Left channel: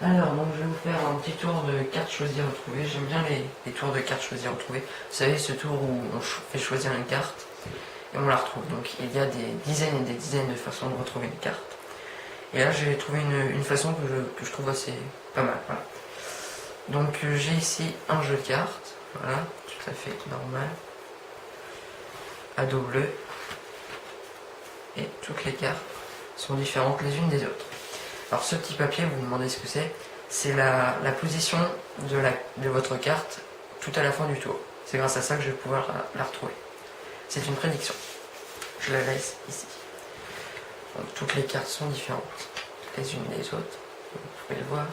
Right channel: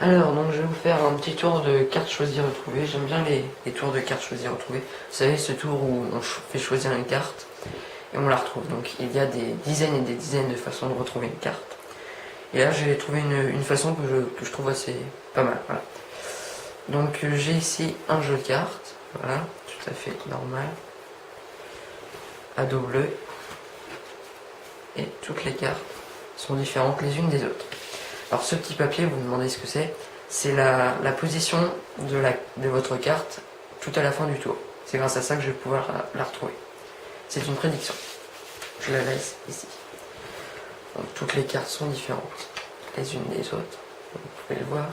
Alors, donc je vais vous faire un petit tour de cartes choisies retrouvées. J'aime bien les tours de cartes choisies retrouvées. Vous savez, ce tour où on fait choisir une carte et on la retrouve. Donc il y a des dizaines et des dizaines de façons de retrouver une carte. Et là, j'ai trouvé une façon que je trouve assez pas mal. Voilà. Donc j'ai ici un jeu de cartes. Voilà, tout à fait normal. À dos bleu. Et toutes les cartes sont différentes les unes des autres. Alors ce petit papier, vous me demandez ce que c'est la position de votre carte tout à la fin du tour. C'est grâce à ça que je vais pouvoir la retrouver. C'est une prédiction. Je la laisse ici. Donc toutes les cartes sont différentes les unes des autres. Vous pouvez le voir.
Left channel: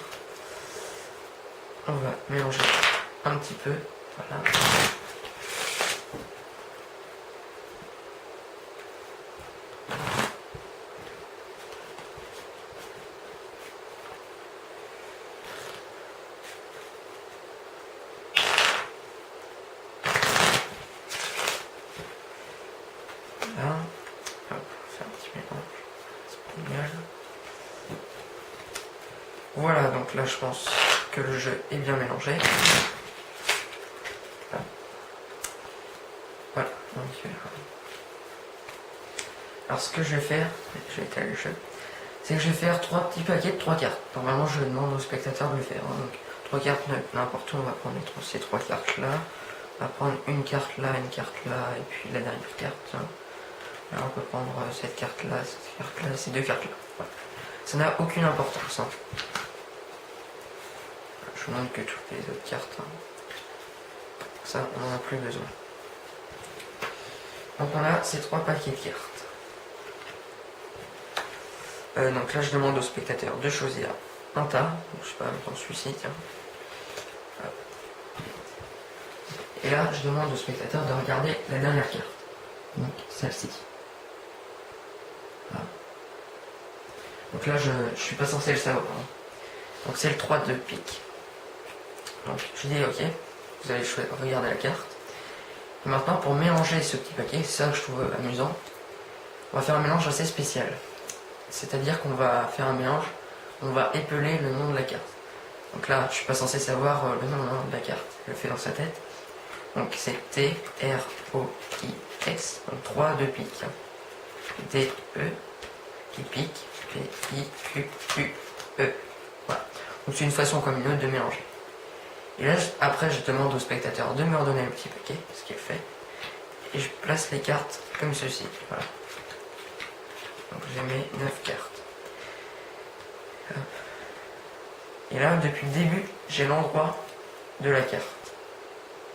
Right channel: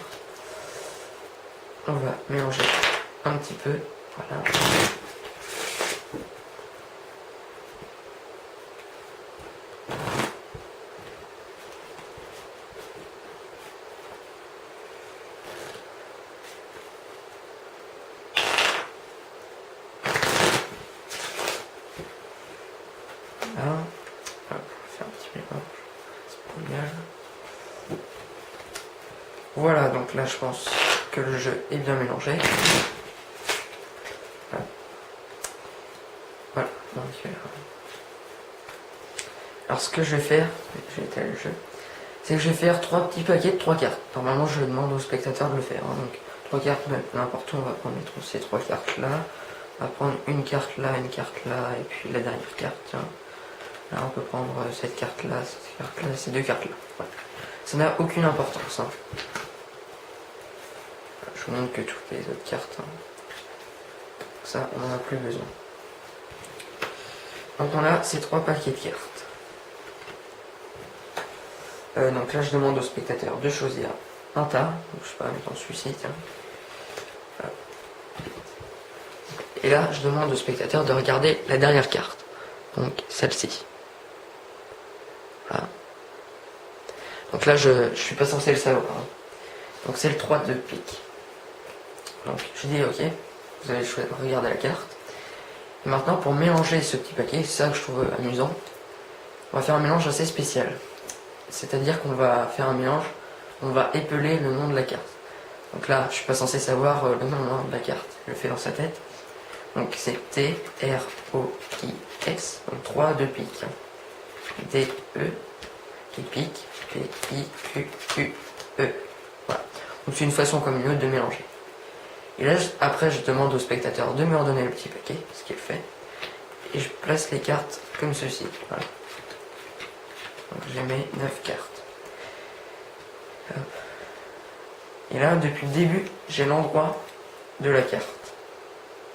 On va mélanger un petit peu. Voilà. Là, on va faire un petit mélange. Voilà, donc là je pense que le jeu est bien mélangé. Voilà. Donc, alors ce que je vais faire, je vais étaler le jeu, c'est que je vais faire 3 petits paquets de 3 cartes. Normalement je demande aux spectateurs de le faire. Donc 3 cartes, n'importe où, on va prendre ces 3 cartes là. On va prendre une carte là, et puis la dernière carte, tiens. Là on peut prendre cette carte là, ces 2 cartes là. Voilà. Ça n'a aucune importance. Hein. Voilà, je vous montre que toutes les autres cartes. Hein. Ça, on n'en a plus besoin. Donc on a ces 3 paquets de cartes. Donc là je demande au spectateur de choisir un tas. Donc, je sais pas, mettons celui-ci, tiens. Hop. Et là je demande au spectateur de regarder la dernière carte. Donc celle-ci. Voilà. Donc là je suis pas censé le savoir. Hein. Donc c'est le 3 de pique. Donc je dis ok, vous allez regarder la carte. Et maintenant pour mélanger ce petit paquet, c'est ça que je trouve amusant, on va faire un mélange assez spécial. C'est-à-dire qu'on va faire un mélange, on va épeler le nom de la carte. Donc là, je suis pas censé savoir le nom de la carte, je le fais dans sa tête. Donc c'est T-R-O-I-X, donc 3 de pique. D-E, qui pique, P-I-Q-Q-E. Voilà. Donc c'est une façon comme une autre de mélanger. Et là, après, je demande au spectateur de me redonner le petit paquet, ce qu'il fait. Et je place les cartes comme ceci. Voilà. Donc j'ai mes 9 cartes. Hop. Et là, depuis le début, j'ai l'endroit de la carte.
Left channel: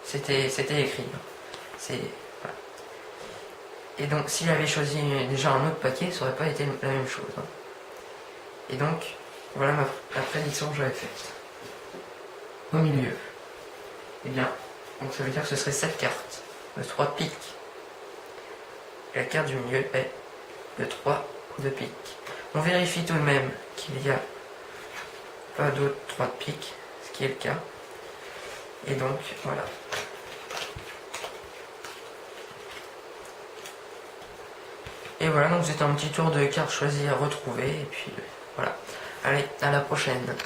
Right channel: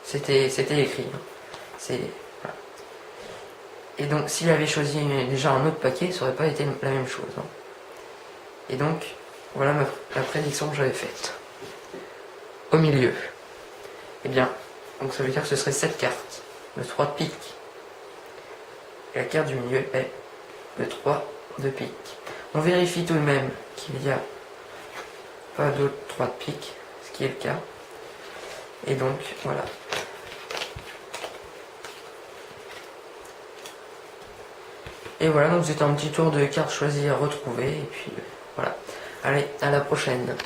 C'était écrit. Hein. Voilà. Et donc, s'il avait choisi déjà un autre paquet, ça n'aurait pas été la même chose. Hein. Et donc, voilà la prédiction que j'avais faite. Au milieu. Eh bien, donc ça veut dire que ce serait cette carte, le 3 de pique. Et la carte du milieu est le 3 de pique. On vérifie tout de même qu'il n'y a pas d'autres 3 de pique, ce qui est le cas. Et donc, voilà. Et voilà, donc c'était un petit tour de cartes choisies à retrouver. Et puis, voilà. Allez, à la prochaine.